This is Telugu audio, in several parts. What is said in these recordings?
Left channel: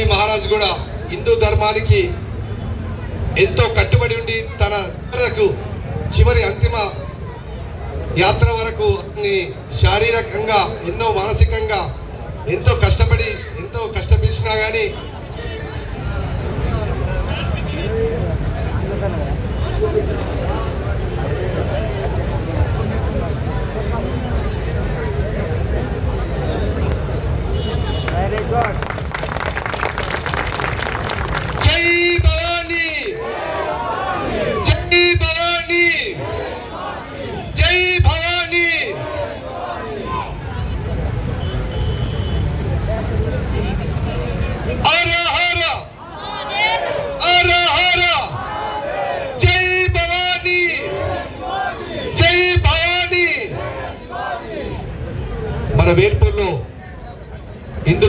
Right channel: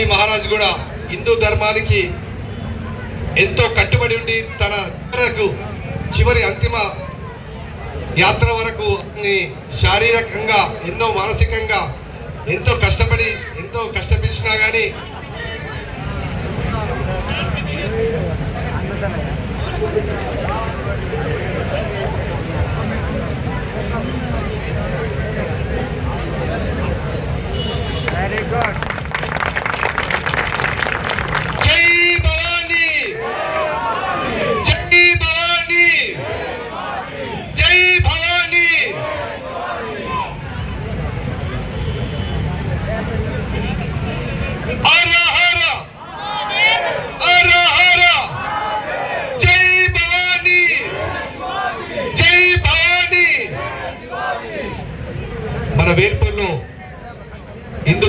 శివాజీ మహారాజ్ కూడా హిందూ ధర్మానికి ఎంతో కట్టుబడి ఉండి తన చివరి అంతిమ యాత్ర వరకు శారీరకంగా ఎన్నో మానసికంగా ఎంతో కష్టపడినా కానీ మన వేర్పును హిందూ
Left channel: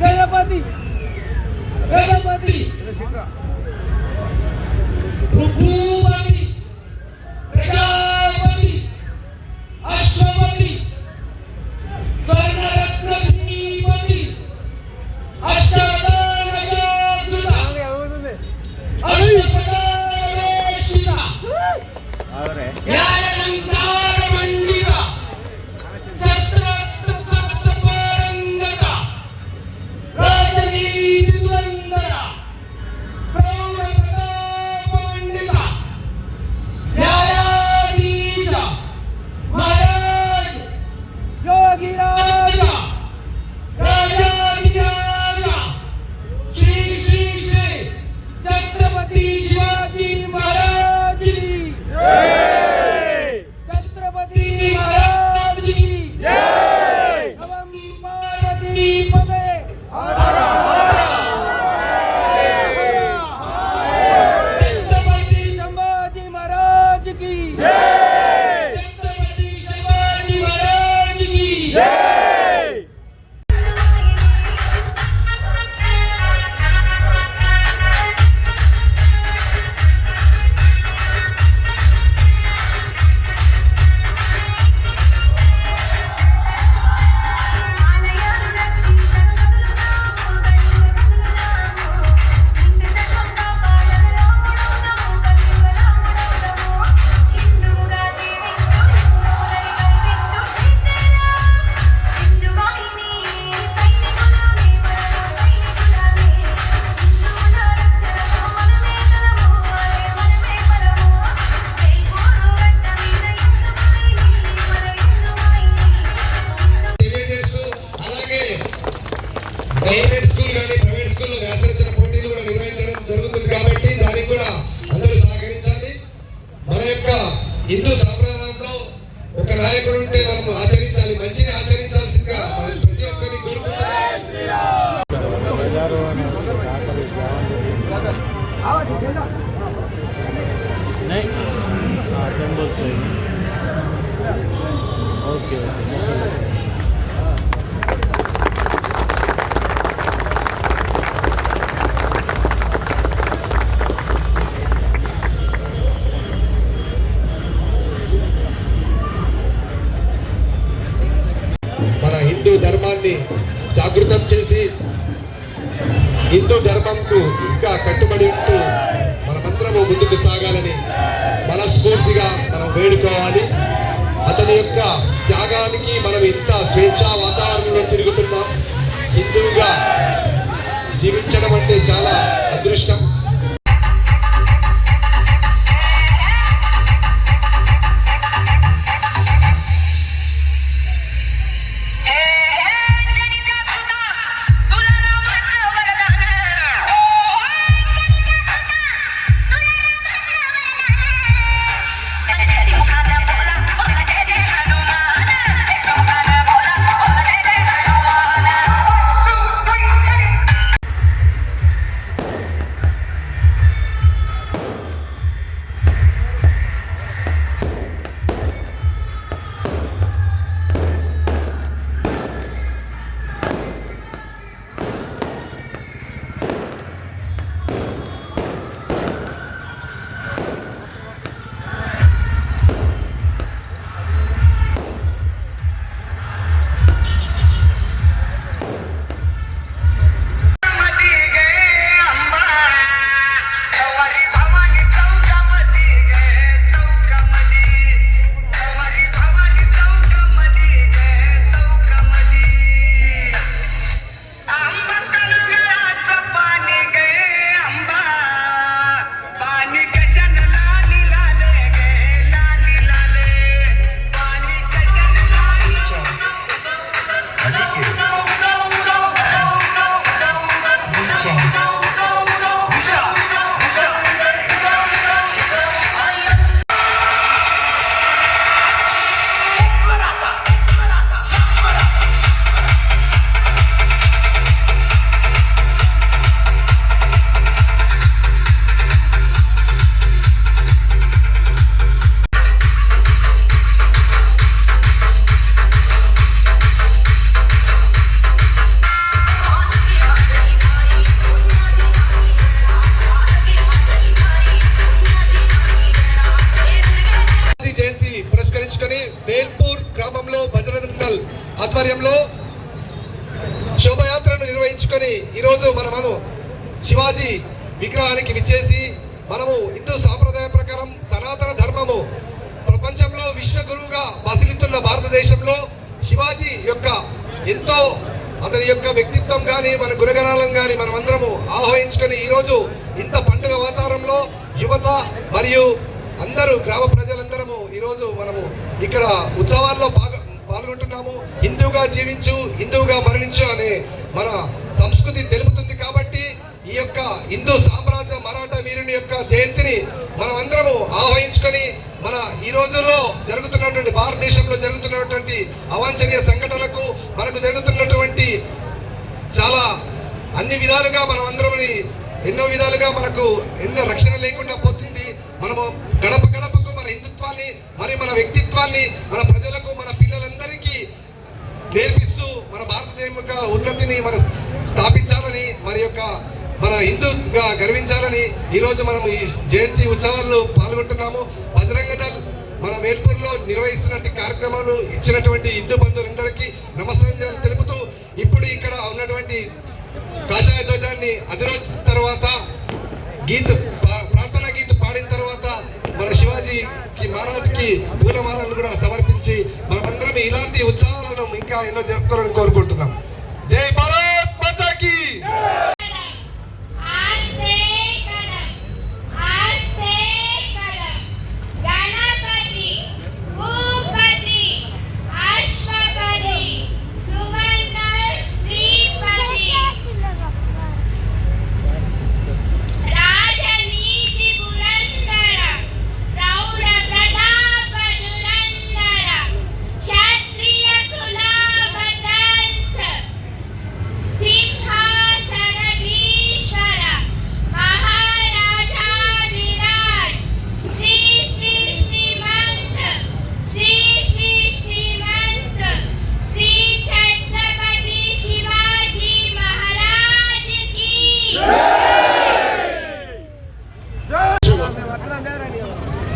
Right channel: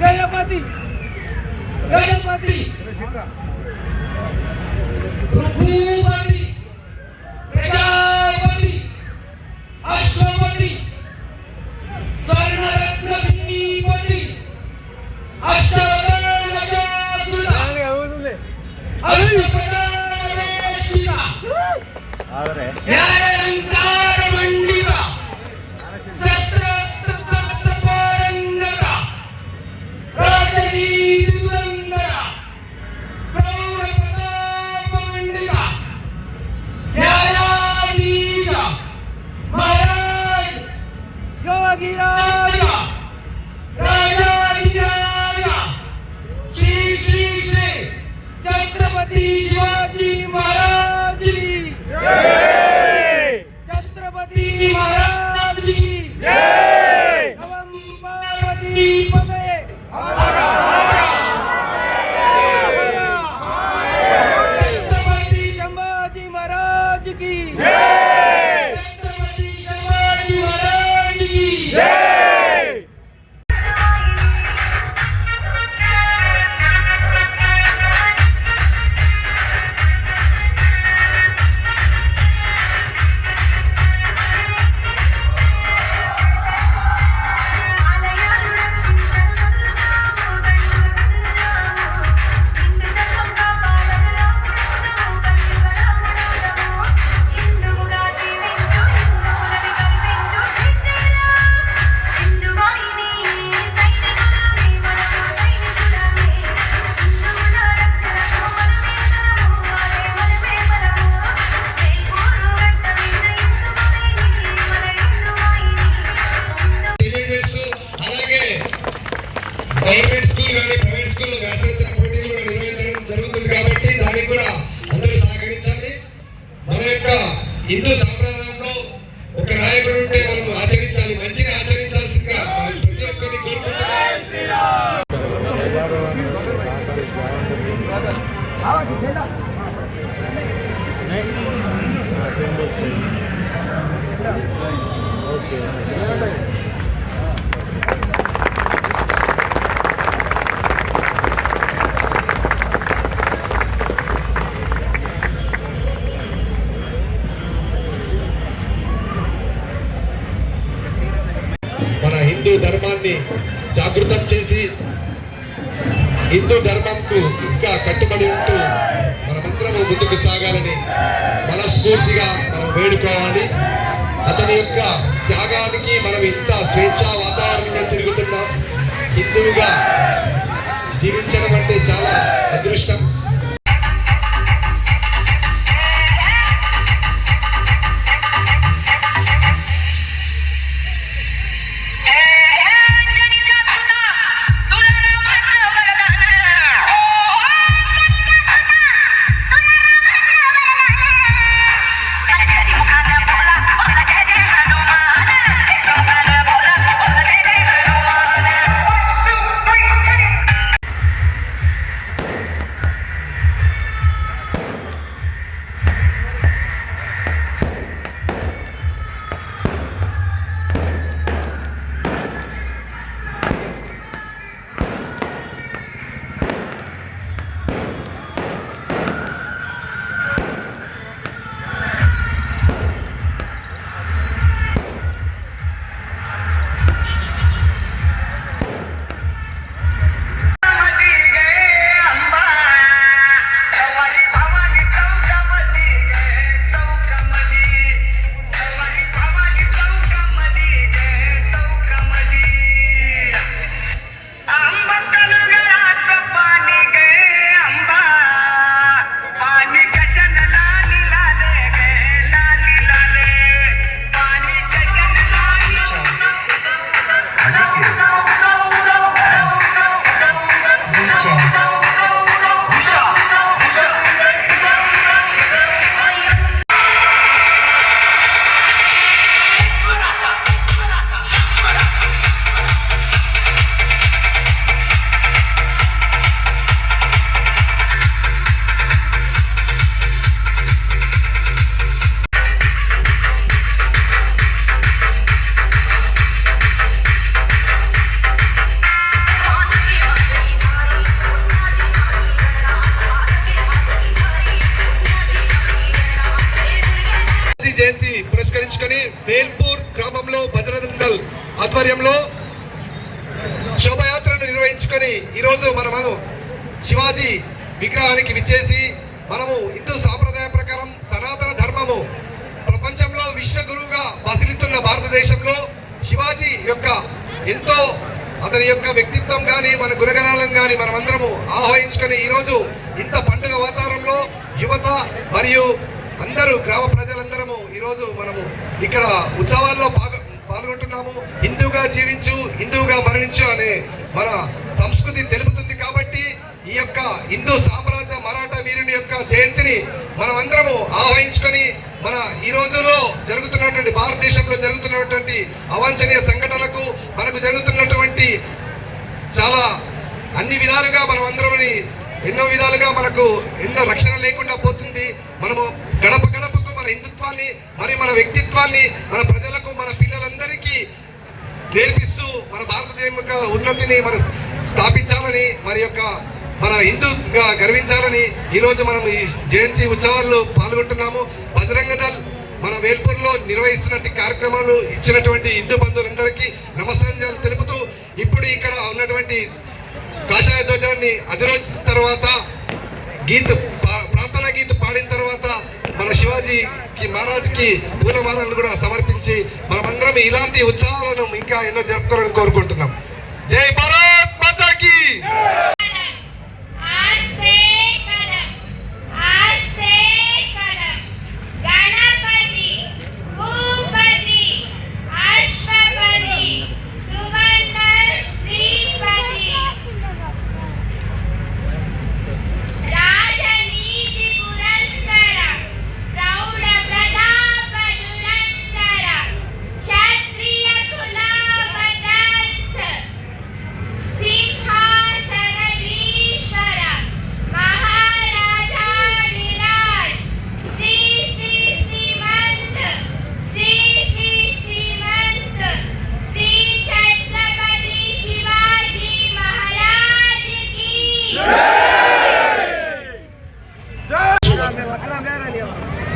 గణపతి గణపతి భూపతి ప్రజాపతి అశ్వపతి స్వర్ణరత్న శ్రీపతి అష్టవదాన జాగృత అష్టపదావేశిత జ్ఞానాలంకార మండిత శస్త్రాస్త్ర పారంగత రాజనీతి దురంధర ప్రౌఢ ప్రతాప మండిత న్యాయాధీశ మహారాజ్ యోగిరాజ రాజాధిరాజ శ్రీ శ్రీ శ్రీ ఛత్రపతి శివాజీ మహారాజ్ की छत्रपति महाराज की जय। नमः पार्वती पते हर हर छत्रपति संभाजी महाराज की जय। छत्रपति संभाजी महाराज की जय। గవర్నమెంట్ స్కూల్ కానీ ప్రైవేట్ స్కూల్లో వ్యాసరచన పోటీలు కూడా నిర్వహించడం జరుగుతుంది కాబట్టి దానికి కూడా అందరూ సహకరించాలి. మన యొక్క హిందూ సాంప్రదాయంలో ఒక నాయకుడు ఉంటే మనం ఆచరించాలి, మంచిగా ఆచరించాల్సిందిగా మనం ప్రతి ఒక్కరిని కోరుకుంటున్నాం. హిందూ ధర్మాన్ని జాగృతం చేసి హిందూ ధర్మంకు ఇంకా కట్టుబడి ఉంటూ మనమందరము ముందుకు సాగాలని మనస్ఫూర్తిగా మనం వేడుకోవాలి. అతని యొక్క త్యాగానికి మనం ఇంత ఆధ్వర్యంలో శోభయాత్రను నిర్వహించుకొని ఈరోజు మనము శివాజీ విగ్రహానికి విచ్చేసి మనము హిందూ సాంప్రదాయ ప్రకారం సనాతన ధర్మము ప్రపంచంలో విశ్వగురువుగా బసిలితున్న భారతదేశంలో శివాజీ యొక్క ఎంతో అతని యొక్క వ్యక్తిత్వం కానీ మన గుణగణాలను కానీ మనమందరము ఆహ్వానించుకొని ఈరోజు ఇంత పండుగ వాతావరణంలో యువత మరియు అందరూ గ్రామ ప్రజలందరము ఈరోజు మనము ఇక్కడ ఉత్సవాల్లో పాల్గొంటున్నాము. హిందూగా జీవించు, హిందూగా మరణించు అనే మన సంస్కృతి తెలుపుతుంది. కాబట్టి ఈ యొక్క హిందూ సామ్రాజ్య మరాఠా వీరుని యొక్క జయంతిని మనం అందరము ఆహ్వానించుకొని మన ఈ రోజుల్లో జరుగుతున్నటువంటి భారతదేశంలో జరుగుతున్నటువంటి అవాంఛనీయ సంఘటనలకు మనకు జరుగుతున్నటువంటి చాలా అన్ని విధాలుగా మనం అందరం ఎన్నో విధాలుగా మనకు ఎన్నో రక్షణ లేకుండా పోతుంది. మనము గడప గడపకు మన హిందుత్వాన్ని మరి మన వ్యక్తిత్వాన్ని మన ప్రజలకు మన పిల్లలందరికీ నేర్పిస్తూ మన భారతదేశం యొక్క ఉన్నతిని మన స్థాపించాలని మరి యొక్క మన హిందూగా గర్వించాలని ఈరోజు మనం ఈ జయంతి ఉత్సవాల్లో పాల్గొంటున్నాము. బజరంగ దళ్ మన వేల్పూర్లో నిర్వహిస్తున్నటువంటి కార్యక్రమాలు ఇచ్చినటువంటి హిందూ బంధువులందరికీ నమస్కారం తెలుపుతూ ఇప్పుడు ఇక్కడ ఉన్నటువంటి కాషాయ ధ్వజాన్ని అధిరోచిన తర్వాత ప్రార్థనా గీత పాడిన తర్వాత మన శివాజీకి మహారాజ్కి పూలమాలను కూడా సమర్పించి మనమందరం ఇలాంటి ఉత్సవాలను ఇంకా ఎన్నో జరుపుకోవాలని కోరుకుంటున్నాం. జై భారత్ మాతాకి.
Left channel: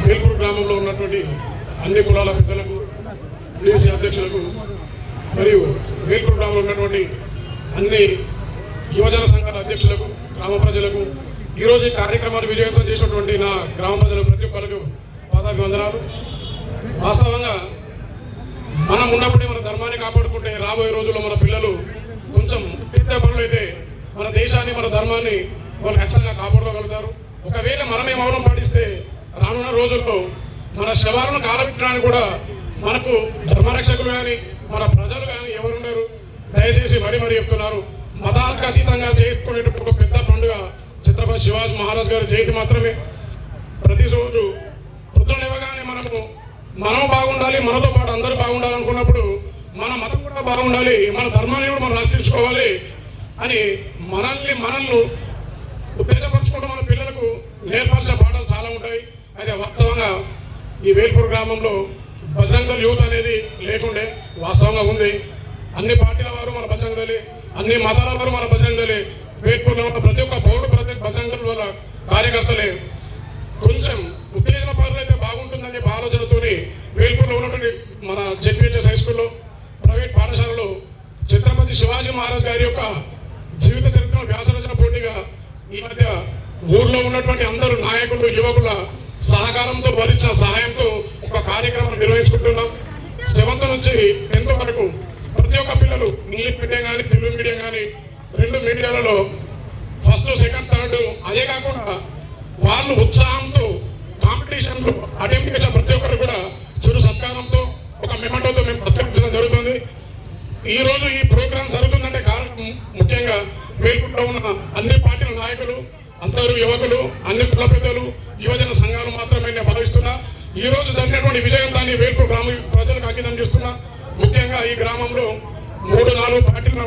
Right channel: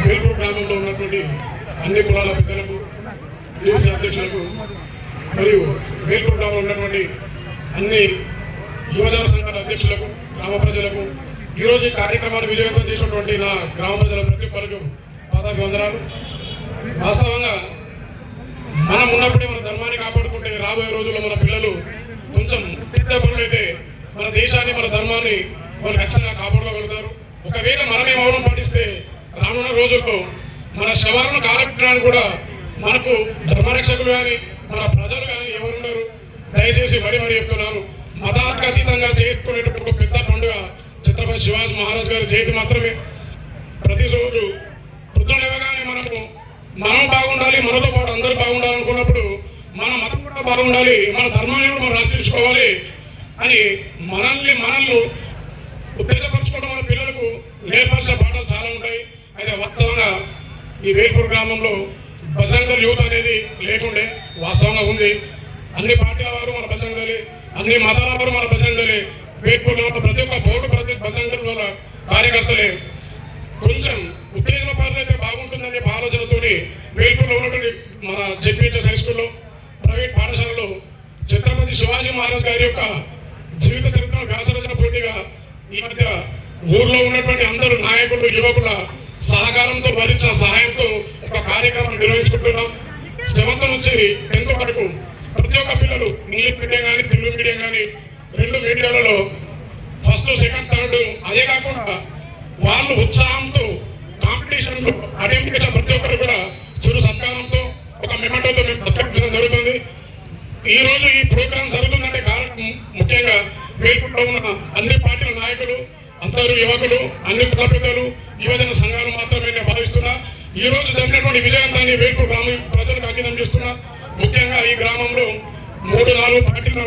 వేల్పూర్ గ్రామంలో ఉన్నటువంటి అన్ని కులాల పెద్దలకు, డీసీ అధ్యక్షులకు మరియు వేల్పూర్ గ్రామంలో ఉన్నటువంటి అన్ని యువజన సంఘాల అధ్యక్షులకు, గ్రామ ప్రజలకు ఈరోజు ఈ కార్యక్రమాన్ని విజయవంతం చేసినటువంటి నా గ్రామ ప్రజల ప్రతి ఒక్కరికి పాదాభివందనాలు. వాస్తవంగా మనం ఉన్నప్పుడే మన ధర్మాన్ని కాపాడుకుంటే రాబోయే రోజుల్లో మన పిల్లలు కొంచెం పెద్ద పనులైతే మన దేశాన్ని మన ధర్మాన్ని వాళ్ళు ఖచ్చితంగా కాపాడుకోగలుగుతారు. ఒకవేళ మనమే మౌనం పాటిస్తే రానున్న రోజుల్లో మన శవాలను కాలపెట్టడానికి కూడా మనకు ధర్మరక్షకులు కానీ మన ప్రజలు కానీ ఎవరున్నారు. దయచేసి మరీ చెప్తున్నారు, మతాలకు అతీతంగా చేసుకునేటువంటి ఒక పెద్ద పండుగ ఛత్రపతి శివాజీ మహారాజ్ గారి జయంతి మాత్రమే. ప్రతిరోజు పొద్దునగానే మనం బాగుండాలి, మనతో పాటు అందరూ బాగుండాలనుకున్నప్పుడు మన మతం కూడా బాగుండాలి, మన ధర్మాన్ని కూడా మనం రక్షించుకోవాలి అని మనల్ని ఉత్తేజపరచుకోవడం మన పిల్లలకు నేర్పాల్సిన పాఠాలు చాలా ఉంటాయి. అయితే వాస్తవంగా ఈ వేల్పూర్ గ్రామంలో బజరంగ దళ్ యూత్ అనేది లేకుండే, వాస్తవంగా ఉంది. అన్ని పార్టీల వారు మన బజరంగ దళ్, అన్ని మతాల వారు మన బజరంగ దళ్, వేల్పూర్లో ఉన్న ప్రతి ఒక్క బోర్డు ప్రతి బజరంగ దళ్ వాళ్ళ కార్యకర్తలే. కొంచెం ఉత్తేజన పాలైతే బాగుంటుందనే ఆలోచనతో వేల్పూర్లో ఉన్నటువంటి మన జెడ్పీహెచ్ఎస్ హై స్కూల్లో ప్రైవేట్ పాఠశాలలో ఛత్రపతి శివాజీ మహారాజ్ గారి యొక్క జీవిత చరిత్రను వ్యాసరచన పోటీగా ఈ మధ్య ఊర్లో ఉన్నటువంటి అందరూ నాయకులు, యువకుల సహకారంతో భరించిన సహాయంతో ఒక కార్యక్రమం నిర్వహించుకుంటున్నాం. 7th నుంచి 10th వరకు ప్రతి ఒక్క పిల్లలు ఇంగ్లీష్ మీడియం కానీ తెలుగు మీడియం కానీ 2 మీడియాలలో 1st, 2nd, 3rd అదే కాకుండా వాళ్ళు ఉత్సాహంతో కాంపిటీషన్లో అటెంప్ట్ చేసిన ప్రతి ఒక్కరు కూడా చిరు సత్కారంతో ఒక మెమెంటోతో మేము ప్రత్యేకించడం జరుగుతుంది. ఈ రోజు ఈ ప్రోగ్రాం జరుగుతుందంటే కారణం ముఖ్యంగా వేల్పూర్లో ఉన్న అన్ని పార్టీల నాయకులు, అందరూ యువకులు, అన్ని కుల పెద్దలు, యువజన సంఘాలు మాత్రమే నేను భావిస్తున్నా. ఈ రోజు జరిగినటువంటి విజయవంతాన్ని వేల్పూర్ గ్రామ ప్రజలకు అంకితం చేస్తున్నా. ముఖ్యంగా ఈ గ్రామంలో 3-4 పార్టీలు